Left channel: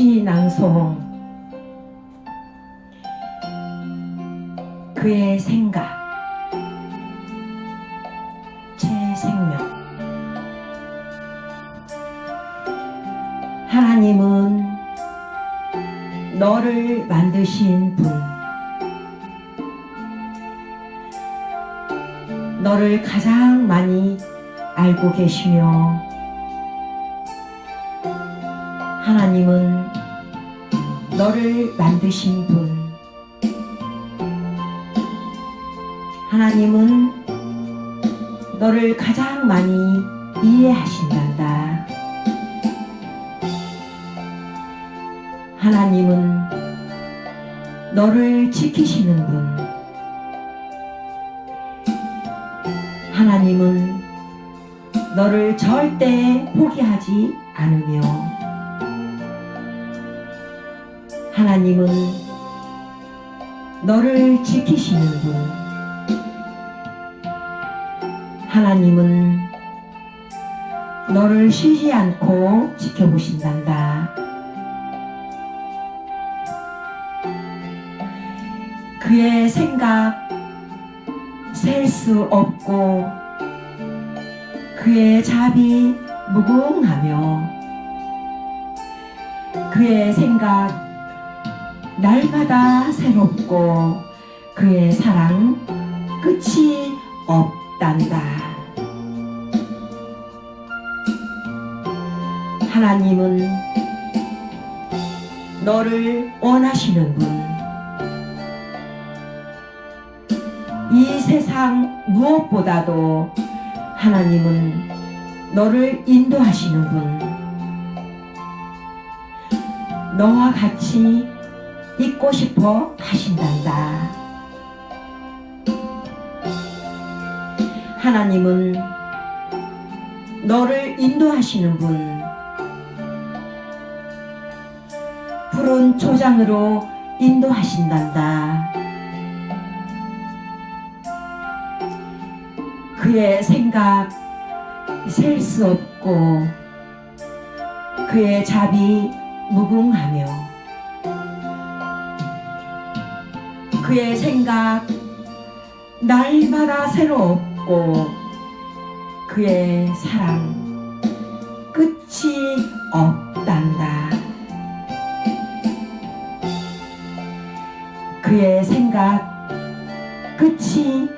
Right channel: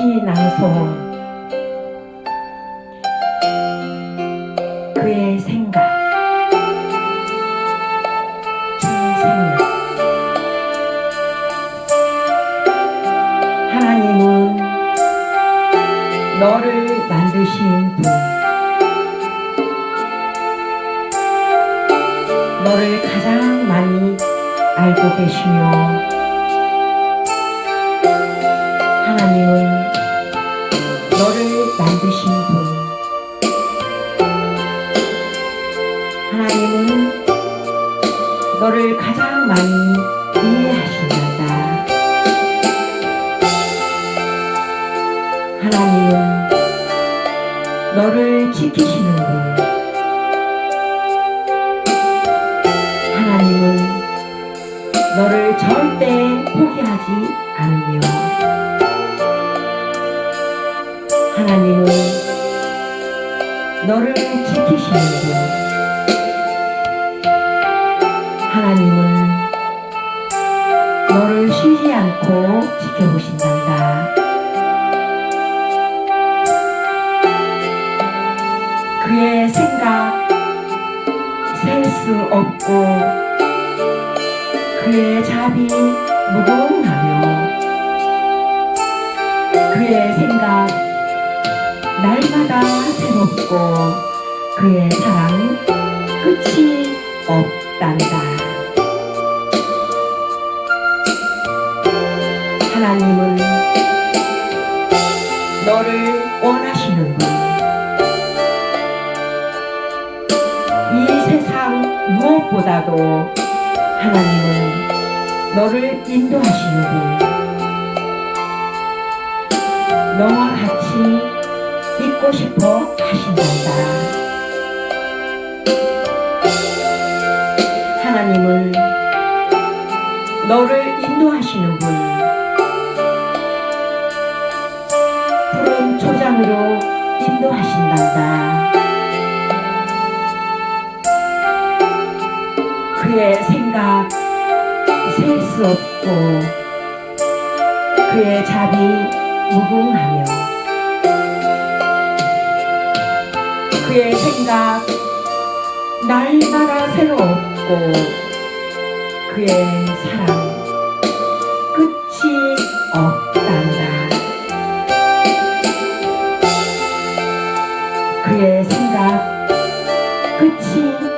끝이 낭송. 그의 생각. 제 생명 하나님은 너를 만드신 분. 너를 가장 많이 알고 계시며 하나님은 너를 만드신 분. 하나님은 너를 가장 많이 이해하신단다. 하나님은 너를 지키시는 분. 하나님은 너를 절대 포기하지 않으며 하나님은 너를 지키시는 분. 하나님은 너를 쉬지 않고 지켜보신단다. 그의 생각 셀 수 없고 그의 자비 무궁하며 그의 생각 날마다 새롭고 그의 사랑 끝이 없단다. 하나님은 너를 원하시는 분. 이 세상 무엇보다도 하나님은 너를 인도하시는 분. 너와 같이 있고 싶어 하신단다. 하나님은 너를 인도하시는 분. 푸른 초장으로 인도하신단다. 그의 생각 셀 수 없고 그의 자비 무궁하며 그의 생각 날마다 새롭고 그의 사랑 끝이 없단다. 그의 생각 끝이